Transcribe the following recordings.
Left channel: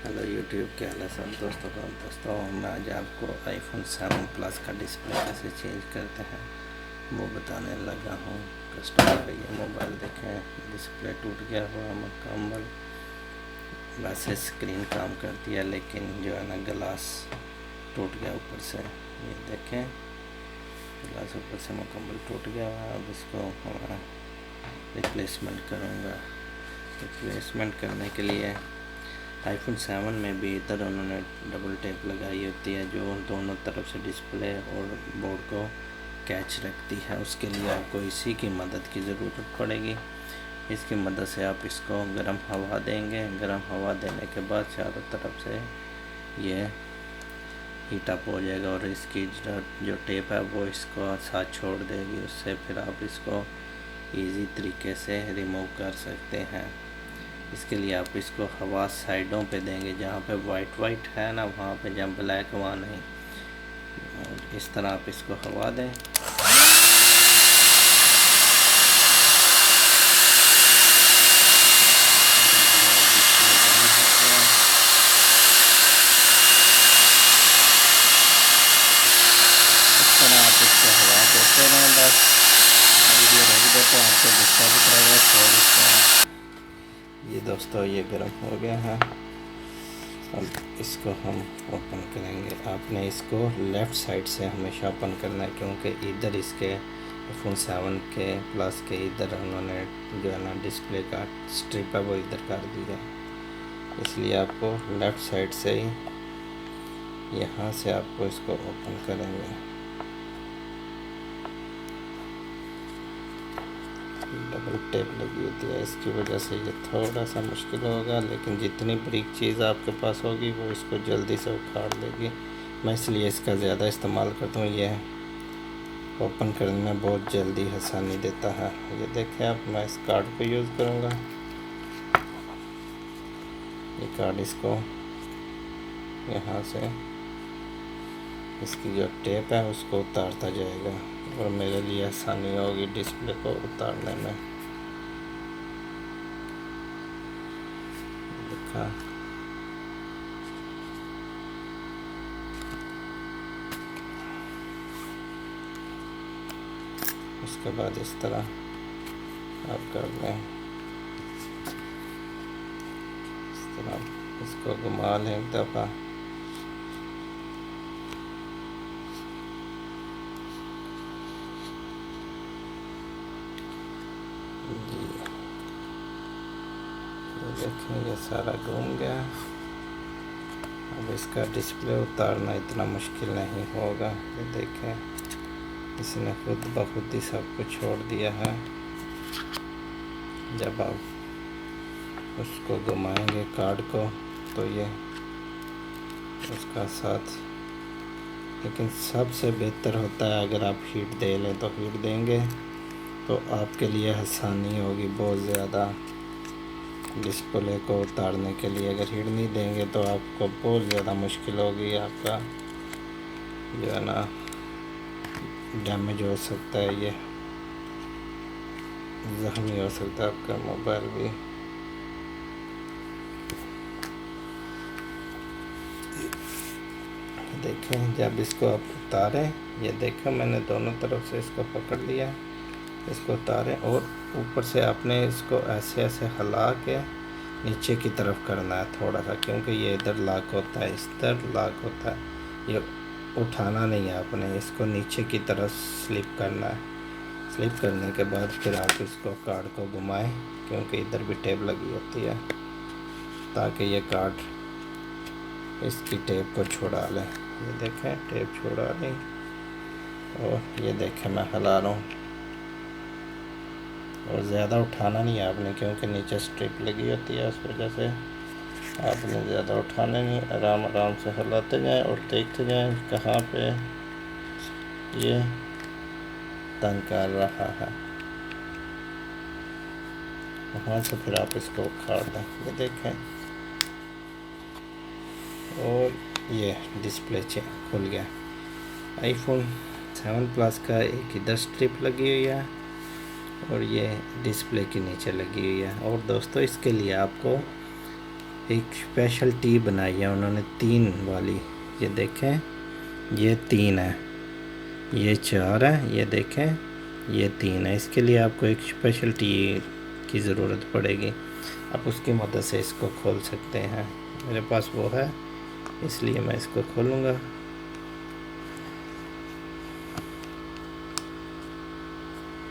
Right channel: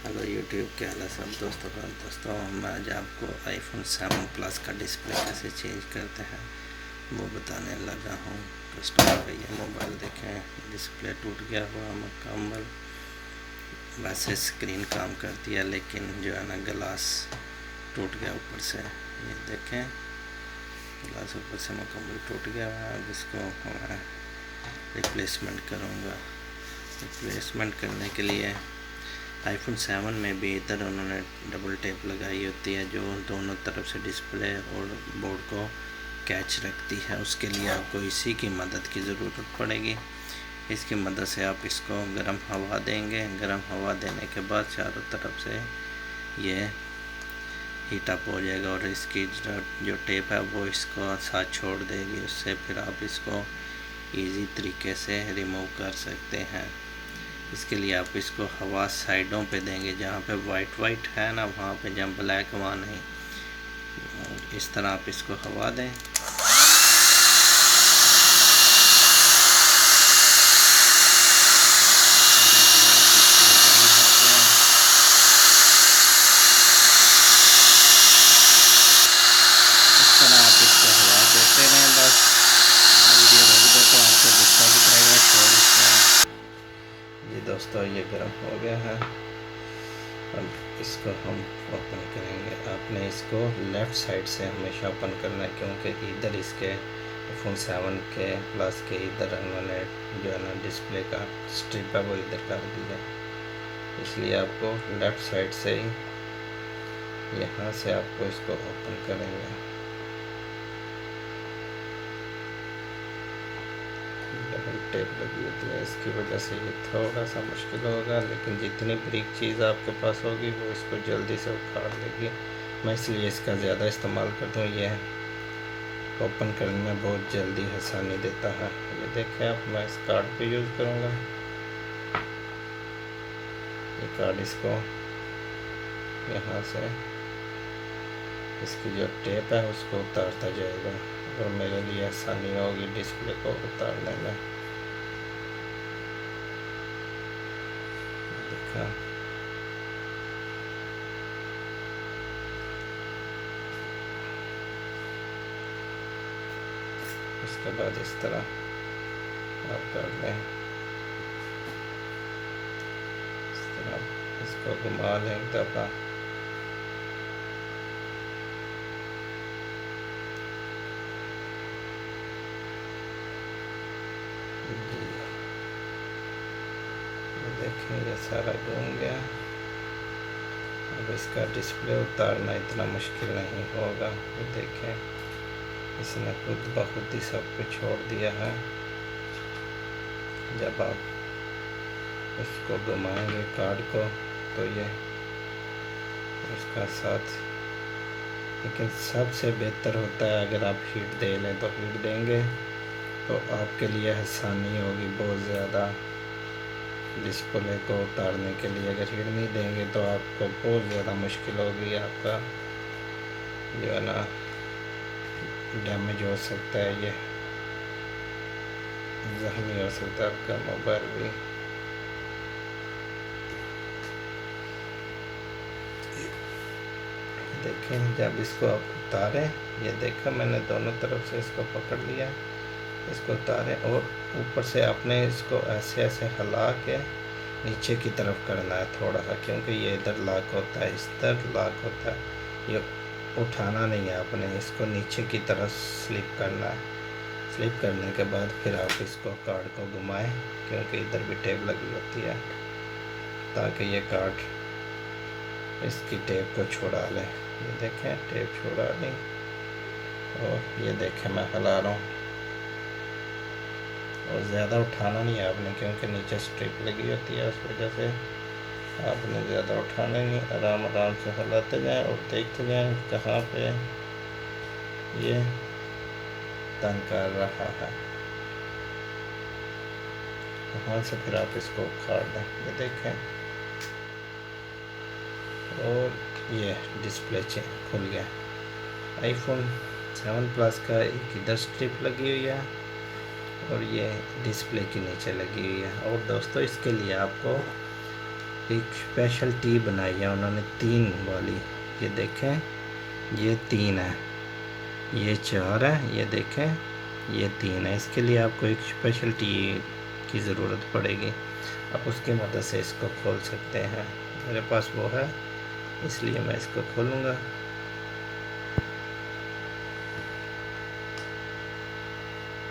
Hello YouTube, क्या हाल है सब दोस्तों मैं आज आपको आईफोन 7 प्लस का डिस्प्ले कैसे चेंज करते हैं वो बताने लगा हूँ। कस्टमर का ये मोबाइल देखें, डिस्प्ले टूट गया हुआ मुकम्मल। वैसे स्क्रीन काम करती है लेकिन जो है ना ग्लास टूट गया ऊपर से। ये देखें, ग्लास ऊपर से मुकम्मल टूट गया हुआ है। अब इसको मैं रिप्लेसमेंट करूँगा। रिप्लेसमेंट करने के लिए आईफोन 7 में भी इधर उन्होंने डबल टेप लगाई होती है जो दोनों तरफ से डिस्प्ले और बोर्ड को कैच रखती है। उसके लिए आपको इसी की मदद की ज़रूरत पड़ेगी। इसकी मदद से आप इसको गर्म हवा देंगे। गर्म हवा देने के बाद चारों तरफ से ये हीट अप हो जाएगा और इसकी जो टेप है वो इसको साथ छोड़ देगी। उससे फिर आप इसको इजी तरीके से रिमूव कर सकते हैं। इसके लिए आप इसको हवा साइडों पे देंगे, जहाँ पे वाइट है ना वहाँ पे, जहाँ ब्लैक वहाँ नहीं। और इस तरह आप इसको हवा दें। इस तरह आप इसको हवा देते रहें बस। वीडियो रख दो तो आपको डिस्टर्ब करेगा शोर इसका। ये दोस्तों ये गर्म हो गया है। अब इसको हम ओपन करेंगे। आपने इसको लेफ़्ट साइड से हमेशा ओपन करना है, क्योंकि इधर इसके आईफोन 7 के प्लस के इधर उन्होंने जो है ना डिस्प्ले का स्ट्रिप है वो इधर कर दिया, इसलिए आपको लेफ़्ट साइड से ही यहाँ से आपको इसको ओपन करेंगे। डबल टेप लगी होती है, इसकी वजह से ये थोड़ा सा मुश्किल होगा, लेकिन जितनी बारीक चीज़ आपके पास होगी वो इसको जल्दी से उखाड़ देगी। मैं इसलिए इसका ज़्यादा इस्तेमाल करता हूँ। ये ओपन करने में बहुत जल्दी आसानी देता है। ये देखें आप, मैं इस कार्ड को यूज़ करूँगा। ये कार्ड इसको यहाँ से इसकी जो टेप है उसको उतारता जाएगा और मेरे लिए आसानी होगी डिस्प्ले को उतारने में। देखा, इसके बाद इस तरह आप कर लें। इस तरह इसको घुमा लें एक दफ़ा। देखें ये सारा घूम गया। अब इसका डिस्प्ले उतारना इतना मुश्किल नहीं होगा। ये देखें, इसने खुद ब खुद ही सब कुछ छोड़ दिया है। जब आप उसको घुमाएंगे कार्ड को तो ये उसका साथ, लेकिन सबसे बेहतर होता है अगर आप हीट दे लें, तो हीट देंगे तो आपके लिए आसानी होगी बहुत ज़्यादा डिस्प्ले को उतारने के लिए। अगर हीट नहीं देंगे तो आपको बहुत ज़्यादा मुश्किल होगी। आपका जो है ना डैमेज हो सकता है, ये ज़ख्मी हो सकता है आपका मोबाइल भी। देखें, जब इसको आप उतारें, ये देखो मैंने दोनों तरफ से इसको पकड़ लिया। इसको उतारें और ऊपर से आपने इसको ऐसे ऐसे हिला के नीचे की तरफ करना है थोड़ा सा, क्योंकि ये इधर लॉक होता है, इधर लॉक होता है। ये उठाना नहीं है, आपने इसको नीचे की तरफ स्लिप करना है। स्लिप करने के बाद फिर आप इसको कार्ड को घुमाएं, क्योंकि इधर भी टेप लगी होती है, ताकि ये कार्ड इसकी टेप को छुड़ा लें। ये देखें, टेप छुड़ा ली और ये देखें मैं हिला रहा हूँ। और ज़्यादा उठाना नहीं है आपने, क्योंकि नीचे स्ट्रिप लगी होती है, उस वजह से आपने ज़्यादा उठाने नहीं, आराम आराम से हिलाते जाएं और देखते जाएं कहाँ पे ये तंग कर रहा है। वहाँ से फिर आप इसको उखाड़ दें। ये देखें, और ये डिस्प्ले खुल गया। आईफोन 7 प्लस का एक इधर स्ट्रिप लगी हुई है और ये डिस्प्ले के नीचे लगी हुई है। और दोस्तों, इसके लिए आपको एक स्पेशल टी बनाई है उन्होंने 3 वाली। ये देखें, ये 3 है, ये 4 है, ये देखें ये 3 है। इसके लिए आपको एक स्पेशल टी की ज़रूरत पड़ेगी। आप उसकी मदद से इसको खोल सकते हैं। मेरे पास वो है, इसलिए मैं इसको खोलूँगा।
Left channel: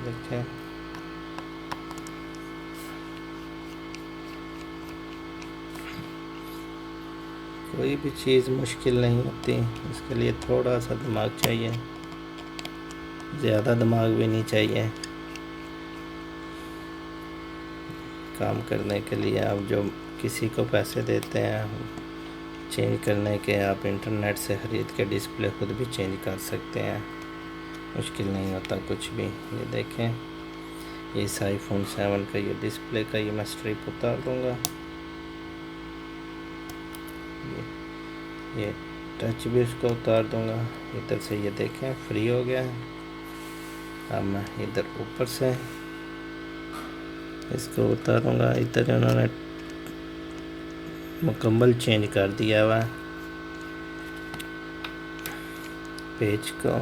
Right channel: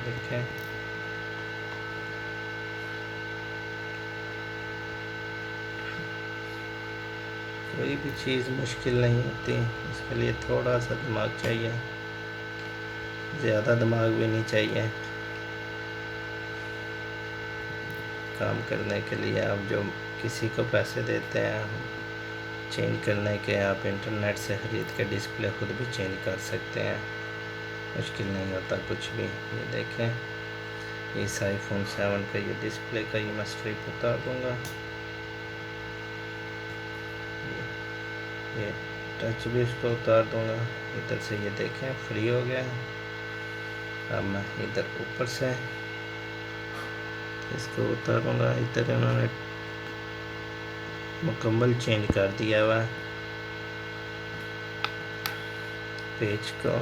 देखें, कोई भी चीज़ मुश्किल नहीं होती, इसके लिए थोड़ा सा दिमाग चाहिए, ज़्यादा दिमाग भी नहीं चाहिए। काम करने के लिए आप जो किसी को पैसे देते हैं चेंज करने के, आप इंटरनेट से ख़रीद के डिस्प्ले खुद भी चेंज कर सकते हैं, मुश्किल नहीं होता कुछ भी। ये देखें, इस आईफोन 7 का ये डिस्प्ले का ये मैं स्ट्रिप उतार दूँगा। ये टच भी इसको उतार दूँगा। इधर से ये देखें फ्री हो गया। अब मैं इधर ऊपर से इसको उतारूँगा। इधर इन्होंने मुकम्मल चेंज कर दिया हुआ पेज को।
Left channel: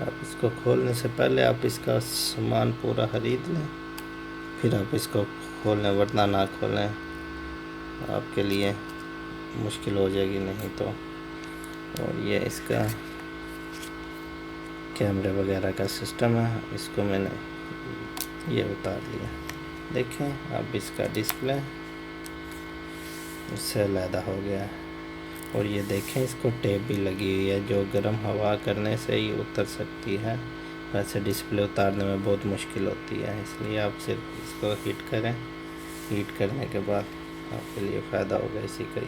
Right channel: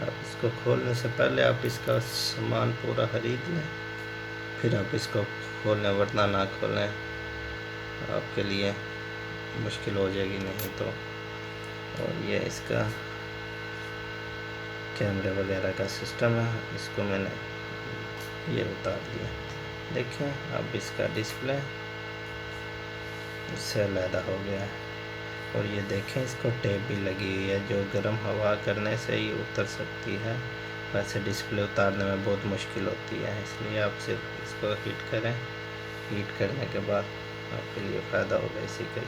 आप इसको खोलने से पहले आप इसका सामान पूरा खरीद लें, फिर आप इसको खोलें, वरना ना खोलें, आपके लिए मुश्किल हो जाएगी नहीं तो। और ये इसका कैमरे वगैरह का सिस्टम है, इसको मैंने ये उतार लिया। देखें, अब इसका डिस्प्ले उससे अलहदा हो गया है। और ये देखें, इसको टेप भी लगी हुई है जो गर्म हवा करने से ही उतर सकती है, वैसे डिस्प्ले उतारने में बहुत मुश्किल होती है। इसलिए आप सिर्फ इसको हीट करें, हीट करने के बाद आपके लिए फ़ायदा होगा इसी का।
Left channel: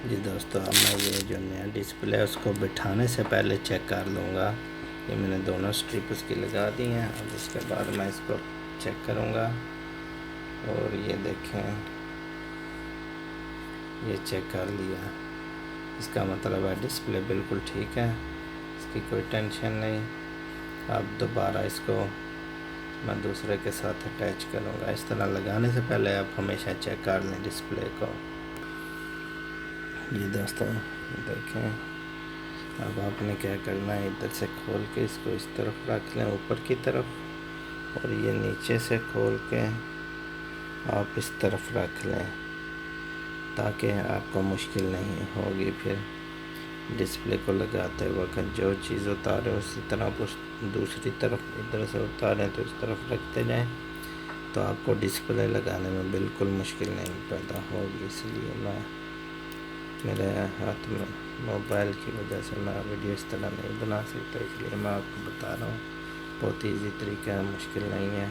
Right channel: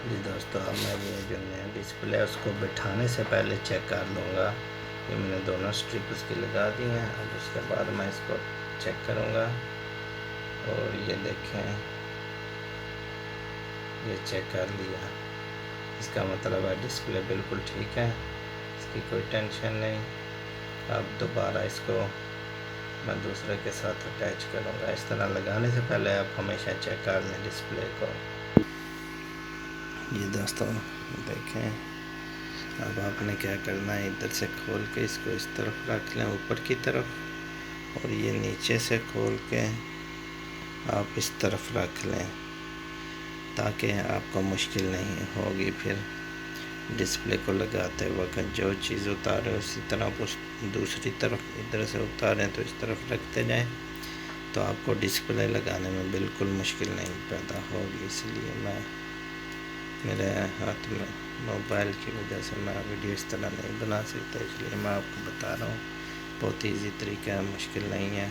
जी दोस्तों, अब मैं ये जो नया डिस्प्ले है उसको बिठाने से पहले चेक कर लूँगा। ये मैंने दोनों स्ट्रिप इसकी लगा दी हैं। अब इसके बाद मैं इसको चेक करूँगा। और ये देखें, ये चेक कर लिया, इसका मतलब है डिस्प्ले बिल्कुल ठीक है, इसकी कोई टेंशन नहीं। अब दोबारा इसको मैं दूसरे के साथ अटैच करूँगा। इस तरह लगाने से पहले आप हमेशा चेक कर लें डिस्प्ले को। ये दोस्तों देखें, अब आपने क्या करना है, इधर से खोल के इसको इस तरफ रख लें ऊपर की तरफ, और ये नीचे से खोल के आप इस तरफ रख लें, ताकि आपको मुश्किल नहीं होगी फिर डिस्प्ले को लगाते वक्त। जो चीज़ उतारें उसी तरह आप उस दूसरी तरफ इधर से उतारें तो इस तरफ रखते जाएं, तो आपको डिस्प्ले लगाने में बिल्कुल मुश्किल नहीं पैदा होगी। इसलिए मैं, मेरे हाथ में मोबाइल की वजह से मैं वीडियो इस तरह नहीं बना सकता, इसलिए मैं आपको बता रहा हूँ। बहुत ईजी तरीका है, मुश्किल नहीं है।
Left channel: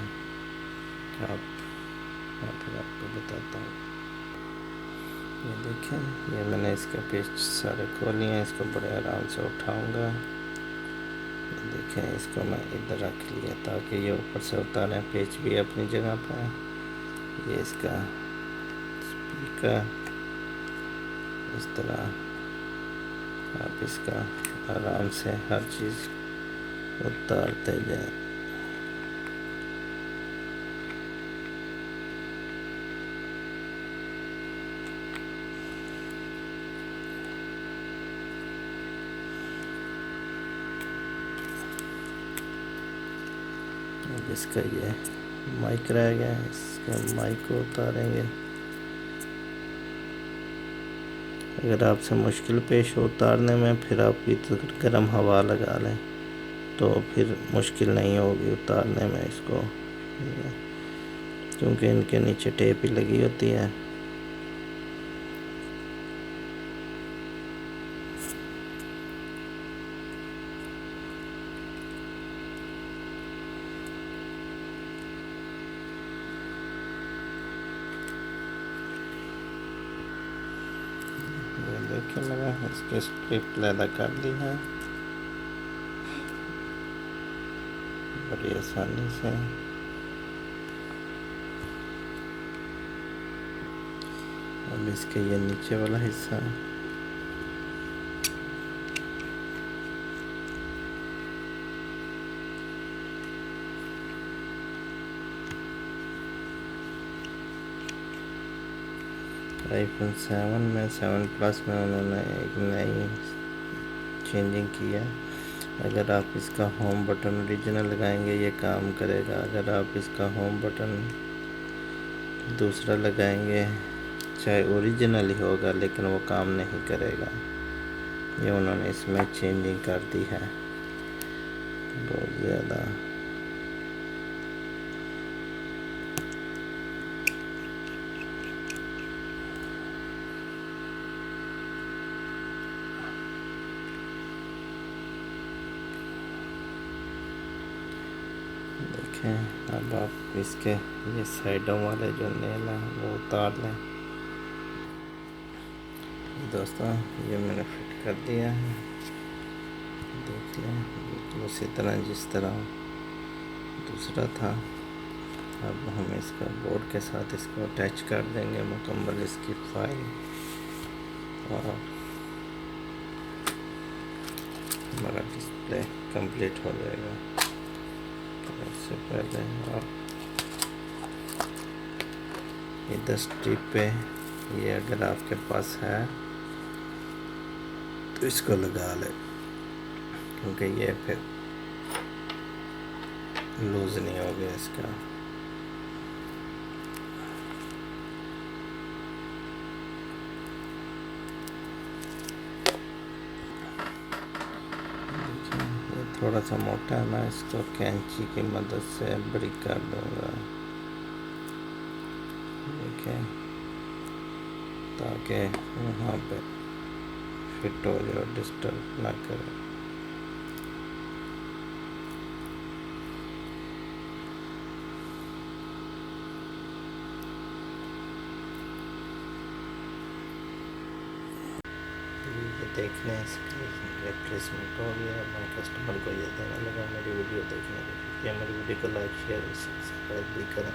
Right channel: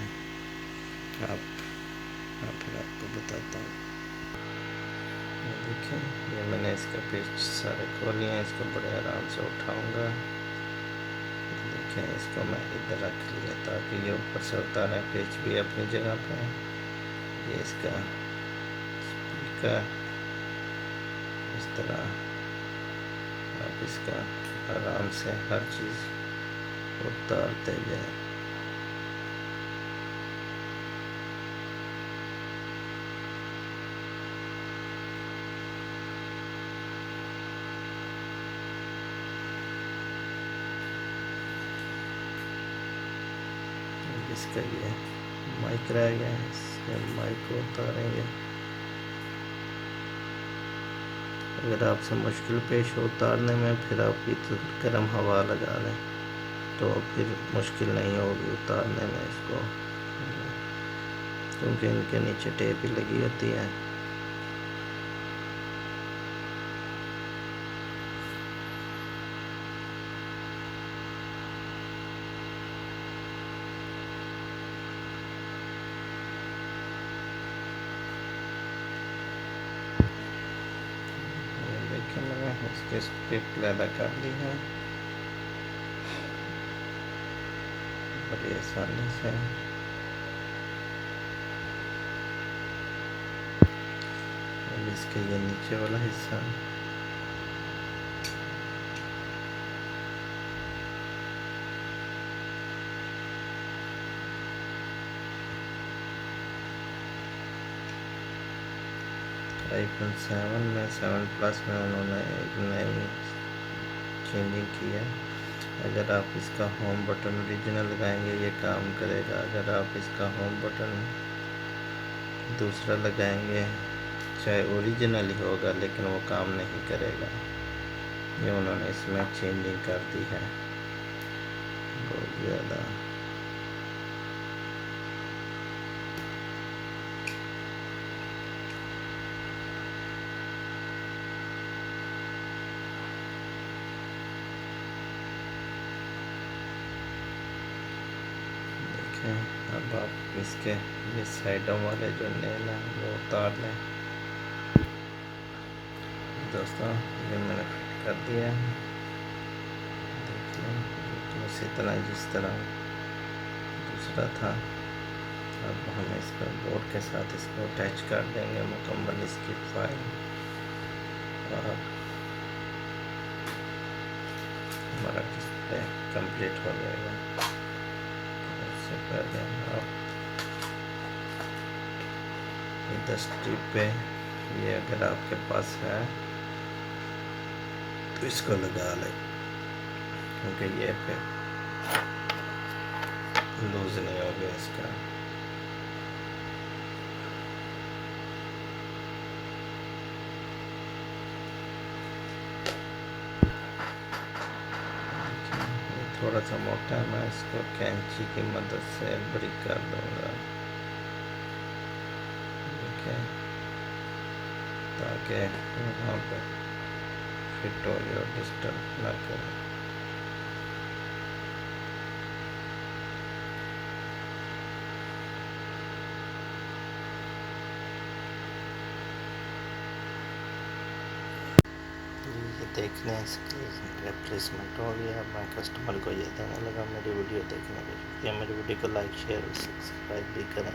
मैं फिर आपको बताता हूँ। ये देखें, ये मैंने इसका पेज सारे खोल लिए हैं, इसको बड़े आराम से उठाऊंगा। ये देखें, इसको मैं इधर रख लिया ताकि ये ऊपर से उतारें, पेज भी अपनी जगह पर है। ये इसका स्पीकर, इस तरह आप इसका आराम से हर चीज़ उतारते जाए। इसका ये माइक रह गया, इसका माइक को उतारेंगे। अगर आपसे मुश्किल पेश हो उतारने में, फिर आप गर्म हवा लगा लें तो फिर मुश्किल नहीं होगी उतारने में इसको, क्योंकि इनके नीचे टेप ही लगी होती है। देखिए, मैंने इसके स्ट्रिप लैदा कर ली है बड़ी आसानी से। अब इसका ये नीचे वाला हिस्सा आईफोन 7 में 7 प्लस में उन्होंने एक नई चेंजिंग किया। अगर आप इसका होम बटन ओरिजिनल लगाएंगे ये काम करेगा। अगर आप इसका होम बटन दूसरा लगाएंगे चाहे ओरिजिनल ही होगा लेकिन वो काम नहीं करेगा। ये उन्होंने इसमें चेंजिंग कर दी है बहुत ज़्यादा। देखें अब आप इसके ये साइडों वाले जो नेल हैं वो उतार लें। दोस्तों ये मैंने फिट कर दिया है, देख लें बिल्कुल उसी तरह जिस तरह दूसरा था। अब हम इसको बोर्ड के साथ इसको अटैच कर देंगे मुकम्मल इसकी फाइल, और हमारा डिस्प्ले कंप्लीट हो जाएगा। इससे पहले आप इधर स्ट्रिप पे ये अगर आपके पास है तो इसको लगा लें, क्योंकि ये फिर लूज़ नहीं हो गया इसका। थोड़ा सा मोटा है, मैं इसको कैंची की मदद से बारीक कर दूंगा, देखिए, ताकि यहाँ पर फिट हो जाए और डिस्टर्ब ना करे। ये देख लें इसकी रिप्लेसमेंट हो गया। मैं कस्टमर को ये देने लगा मेरी वीडियो देखने के लिए। मेरी वीडियो को लाइक शेयर और सब्सक्राइब भी करें।